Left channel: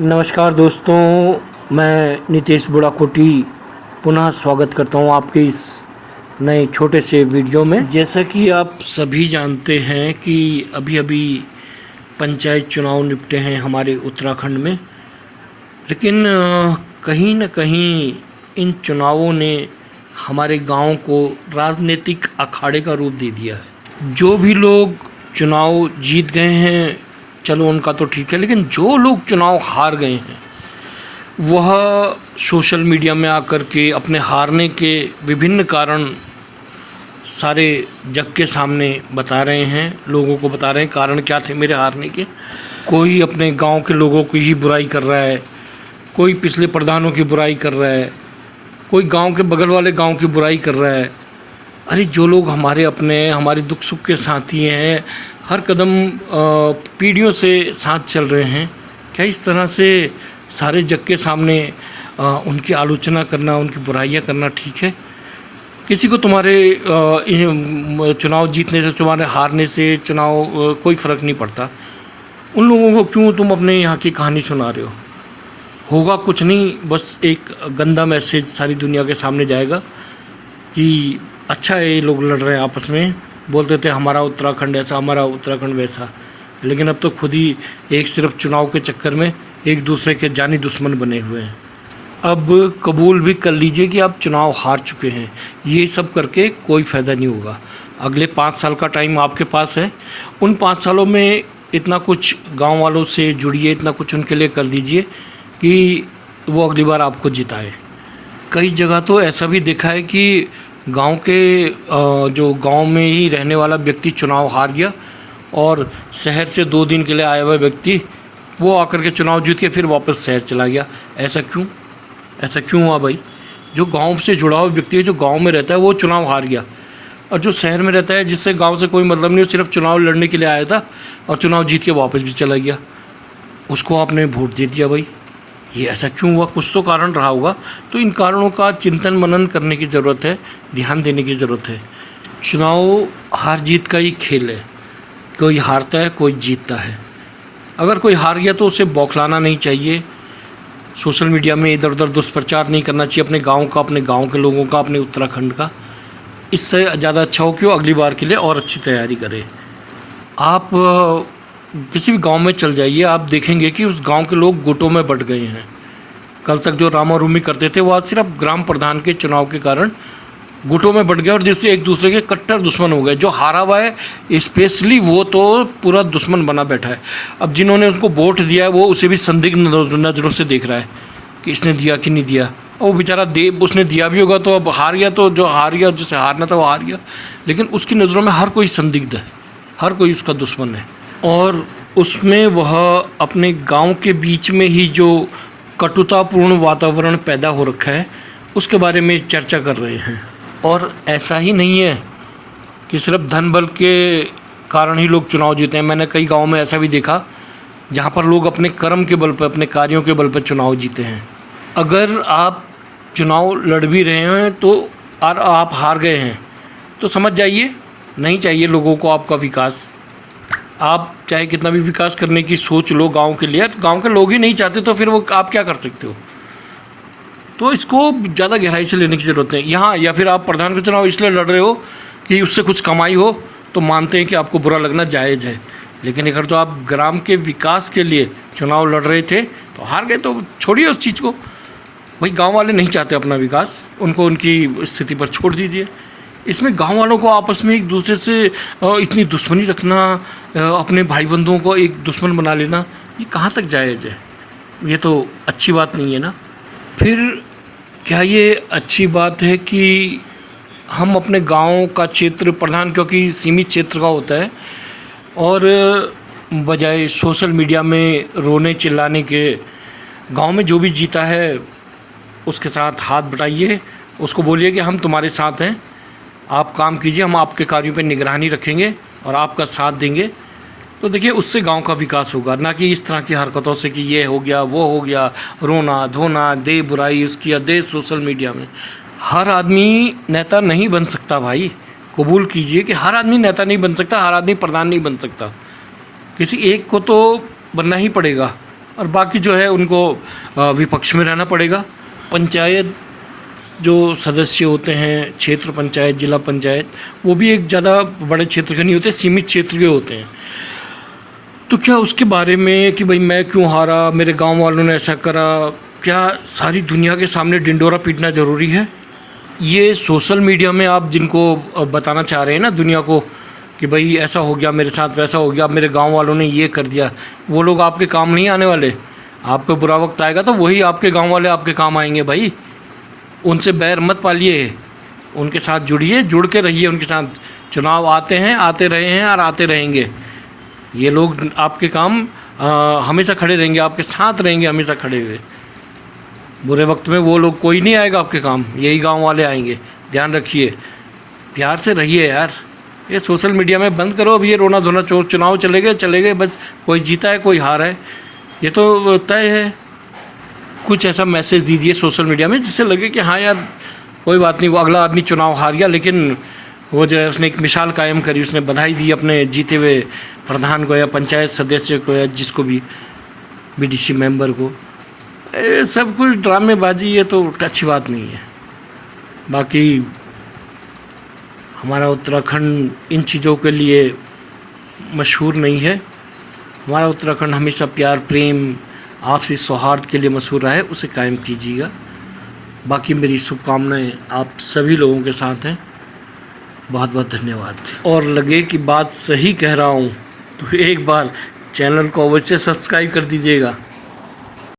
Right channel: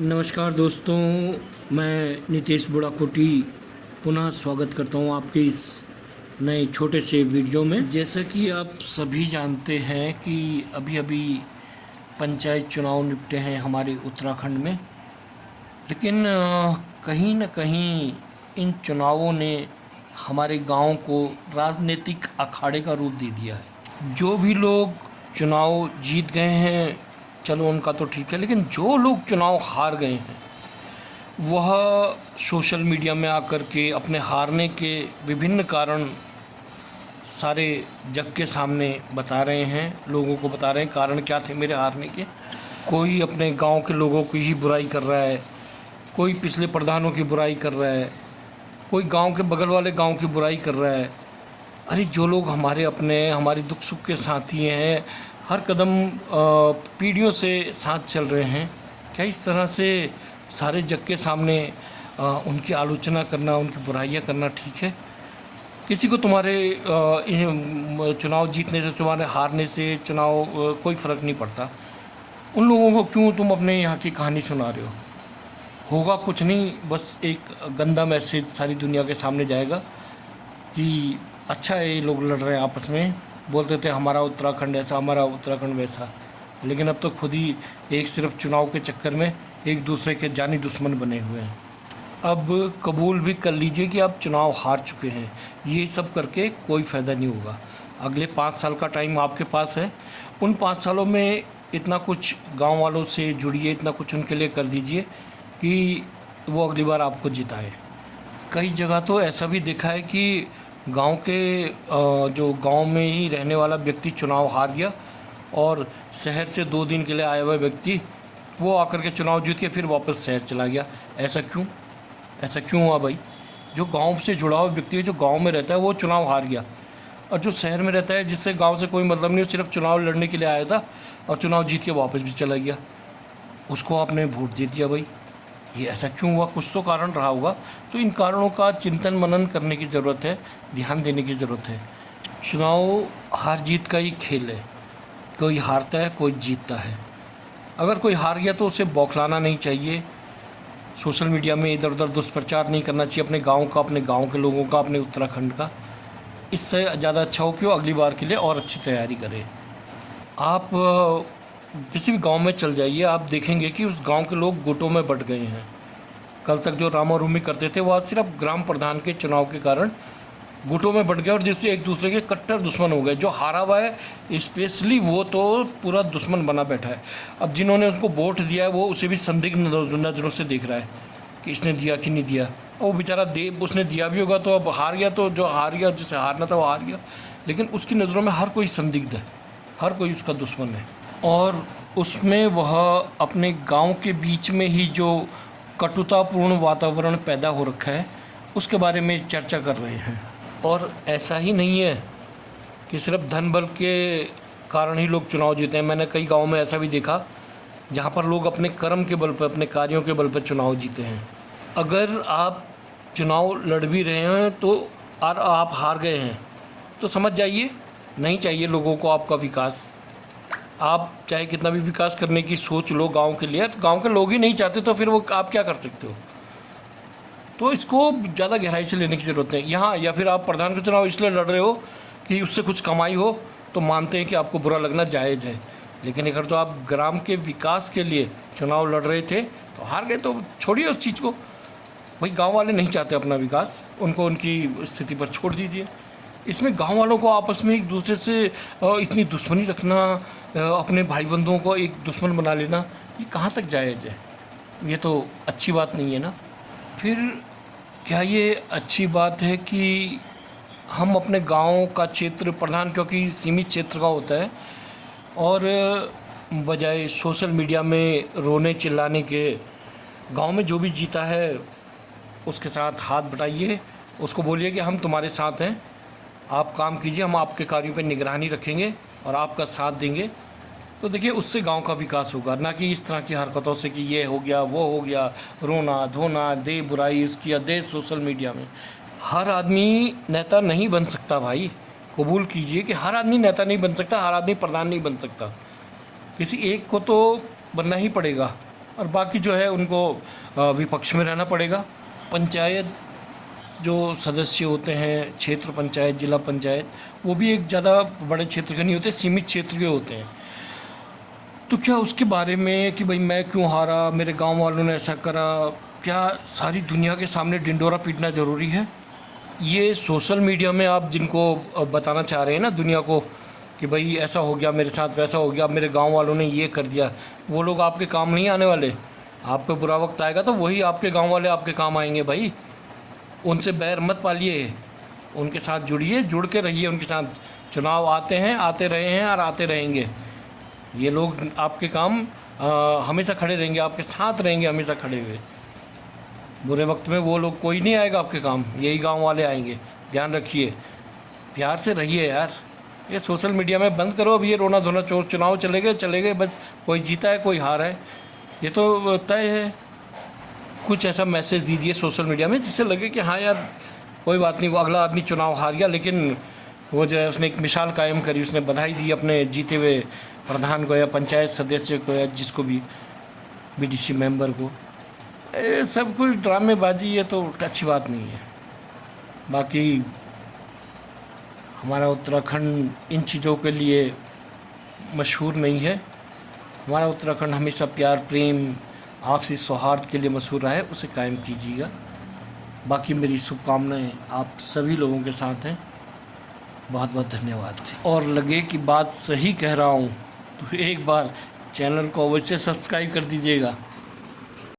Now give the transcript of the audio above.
नमस्कार दोस्तों, मैं नितेश बुढ़ाकोटी पुनः स्वागत करता हूं आपके इस नए छोटे से वीडियो में। जैसा कि आप सभी जानते हैं कि अभी अभी पंचायत चुनाव निपटे हैं हमारे उत्तराखंड में, लेकिन कहीं न कहीं इन चुनावों ने हमारे गांव को राजनीतिक अखाड़े का रूप दे दिया है। जो भी लोग चुनाव जीत गए हैं चलो उनका तो ठीक है, लेकिन जो लोग चुनाव हार गए हैं वह सोशल मीडिया में आकर के अपने हारने के विभिन्न कारण सारे जग के सामने बता रहे हैं, लोगों को बता रहे हैं कारण क्या थे मेरे हारने के। कोई अपने गांव के लोगों की ही बुराई कर रहा है, कोई पिछले प्रधानों की बुराई कर रहा है, कोई गांव के बगल वाले गांव की बुराई कर रहा है। अरे जो लोग हमारे अपने हमारे दुख सुख के साथी हैं, हर कदम पीढ़ियों से साथ चल रहे हैं, क्या इस तरह से सारे जग के सामने उनकी आलोचना करना, उनकी बुराइयां करना ठीक है? किसी को तुम्हारे चुनाव जीतने से, तुम्हारे हारने से चुनाव कोई फ़र्क नहीं पड़ता। उन लोगों को क्यों तुम अपने यहाँ की कहानी सुना रहे हो? होगा कुछ नहीं, बस एक गंदा मैसेज सारी दुनिया के सामने जाएगा कि अच्छा है ये लोग लड़ रहे हैं आपस में, बोलते थे हमारा उत्तराखंड ऐसा, हमारा उत्तराखंड वैसा, लेकिन अब तो खुद ही एक सिर्फ चुनाव के चक्कर में एक दूसरे के जानी दुश्मन बने हुए हैं। अब कबूल भी कर लीजिए कि आप चुनाव हार चुके हैं, ये सब करके कोई फ़ायदा नहीं होगा। अगले 5 साल का टाइम आपके पास है, उन 5 सालों में इतना कुछ गांव वालों से जुड़िए, इतना कुछ उनके लिए कर दीजिए कि वो अगली बार आपको जिताए। कई जगह तो ऐसा भी देखा है कि गांव के जो गांव में ही रहने वाला व्यक्ति चुनाव हार गया और शहर से 2 दिन के लिए आया हुआ व्यक्ति वो आकर के चुनाव जीत के फिर वापस शहर चला गया। ऐसा क्यों? ऐसा क्यों हुआ भाई? जो गांव से जुड़ा हुआ व्यक्ति है, जो गांव में रहता है, वो चुनाव हार गया, और जो शहर में रहता है जिससे गाँव से कोई मतलब नहीं, वो सिर्फ चुनाव लड़ने के लिए आया था और चुनाव जीत के वापस भी चला गया, उसको आपने वोट दे दिया भाई। ये ऐसा क्यों हुआ? कुछ तो कारण रहा होगा। तो इन कारणों का चिंतन मनन करने की ज़रूरत है, ध्यान देने की ज़रूरत है। चुनाव हार जीत का ही खेल है, कोई हारता है कोई जीतता है। अगर कोई हार गया तो उसे बौखलाना नहीं चाहिए, सोशल मीडिया में इधर उधर दुष्प्रचार नहीं करना चाहिए अपने गांव का, अपने गांव के लोगों का, अपने उत्तराखंड का। इससे ज़्यादा अच्छा हो कि वो अगली बार के लिए और अच्छी तैयारी करें। आप किसी भी गांव में चल जाइए, आप देखेंगे कि उस गांव के लोग गुटों में बंट गए हैं। कल तक जो रामा रूमी करते थे वो आज सिर्फ ग्राम प्रधान के चुनाव के कारण गुटों में बंट गए और जिससे एक दूसरे के कट्टर दुश्मन हो गए। जो हारा हुआ है स्पेशली वो तो पूरा दुश्मन बना बैठा है। अब जिन्होंने उसको वोट दिया है वो उसे भी संदिग्ध नज़रों से देख रहा है कि इसने दिया कि नहीं दिया। और वो बेचारा उसने दिया भी होगा तो अब हार गया, तो जो हार गया, जिसे हारना था वो हार गया, लेकिन उसकी नज़रों में हर कोई संदिग्ध है, हर कोई उसका दुश्मन है। और उसमें वह अपने गांव के बीच में ही जो कटुतापूर्ण वातावरण पैदा हो रखा है उसके बारे में चर्चा कर रहे हैं। और ऐसा ही नहीं है कि सिर्फ धन बल के कारण ही लोग चुनाव जीते हैं। मैंने कई गांव में ऐसा भी देखा जहां पर लोग अपने कर्म के बल पर, अपने कार्यों के बल पर चुनाव जीते हैं। अगर आप चुनाव लड़ भी रहे हैं तो और आप हार गए हैं तो समझ जाइए नहीं चाहिए लोगों को आपका विकास। आप चाहे कितना भी विकास करने की सोच लो गांव के लिए, तो गांव के लोग ही नहीं चाहते तो फिर वो आप क्या कर सकते हो? तो इसको ज़्यादा गहराई से लेने की ज़रूरत है यहाँ। या फिर आप प्रधान का चुनाव इसलिए लड़ रहे हो कि उससे कुछ कमाई हो, तो मानते हैं कि आपको बुरा लगना जायज़ है, लेकिन अगर तो आप ग्राम के विकास के लिए चुनाव लड़ रहे थे तो हार गए तो छोड़िए उस चीज़ को। भाई गाँव वाले नहीं चाहते अपना विकास, उनको उनकी स्थिति पर छोड़ दीजिए। इसमें गांव वालों को आपस में एक दूसरे से इतनी दुश्मनी रखना, अपने भाई बंधुओं को एक दुश्मन बना लेना, ये कहाँ तक जायज़ है? ये तो अच्छी बात नहीं है ना। फिर क्या ये अच्छी बात है कि हम अपने गांव का क्षेत्र प्रधान, क्योंकि सीमित क्षेत्र का होता है, और बजाय सोशल मीडिया में रोने चिल्लाने के गांव में जो भी जीता है उसके साथ हाथ बटाइए, उसको बोलिए कि हम तुम्हारे साथ हैं, आप काम कीजिए, हम आपके कार्यों पर निगरानी रखेंगे और आपका साथ देंगे। तो देखिए उससे गांव का विकास होगा, ना कि इस तरह की हरकतों से कि ये हो गया वो हो गया, रोना धोना, दे बुराई उसकी, दे सोशल मीडिया में। हर आदमी नेता नहीं बन सकता भाई, कबूल कीजिए कि हर आदमी नेता नहीं बन सकता, हर आदमी प्रधान नहीं बन सकता, किसी एक को तो बनना ही पड़ेगा। और बाकी जो है उनको विपक्ष में रहना पड़ेगा। पंचायत जो सदस्य होते हैं, क्षेत्र पंचायत, जिला पंचायत, वो भी एक ज़्यादा बड़े क्षेत्र के नहीं होते, सीमित क्षेत्र के होते हैं। तो क्या उसके बारे में कि भाई मैं क्यों हारा, मेरे गांव वालों ने ऐसा करा, क्या सारी दुनिया के सामने डिंडोरा पीटना ज़रूरी है? ये सोशल मीडिया में आप जिनको बताना चाह रहे हैं ना दुनिया को कि भाई ऐसा हो गया मेरे साथ, वैसा हो गया, मेरे गांव वालों ने ये कर दिया, वो लोग आपके काम नहीं आने वाले। आप पे बुरा वक्त आएगा तो वही आपके गांव वाले आपके काम आएंगे भाई। उनसे बैर मत पालिए, उनके साथ जुड़िए, जुड़ के रहिए उनके साथ। चुनाव आते हैं, आते रहे हैं और आते रहेंगे। ये लोग आपके काम हमेशा खड़े रहेंगे, आपके साथ रहेंगे हमेशा खड़े हुए। बुरे वक्त में वो लोग कोई नहीं आएगा आपके काम, यही गांव वाले आएंगे। ध्यान रखिए, प्यार से रहिए यार। ये सोशल मीडिया में बंद करो अब ये रोना धोना। चुनाव चले गए बस, कोई जीता है कोई हारा है, ये तो तय है। कुछ ऐसा मैसेज दीजिए सोशल मीडिया में जिससे लगे कि हाँ यार कोई बात नहीं, वो अगला आदमी चुनाव हार गया लेकिन वो जो है उसने एक मिसाल कायम करी, उसने बधाई दी अपने जीते हुए प्रधान को या पंचायत सदस्य को या जिसको भी, बीडीसी मेंबर को। सब कुछ ड्रामेबाजी, ये तो अच्छी बात नहीं है। बाकी हमारा उत्तराखंड इन चीज़ों के लिए मशहूर नहीं है। हमारा उत्तराखंड हमेशा प्यार, प्रेम, आपसी सौहार्द के लिए मशहूर रहा है, उसे कायम कीजिएगा। बाकी मेरी शुभकामनाएं आप सभी लोगों के साथ हैं। बहुत बहुत धन्यवाद। और लगे कि बात सही कह रहा हूँ तो एक बार चैनल को अवश्य सब्सक्राइब कर दीजिएगा।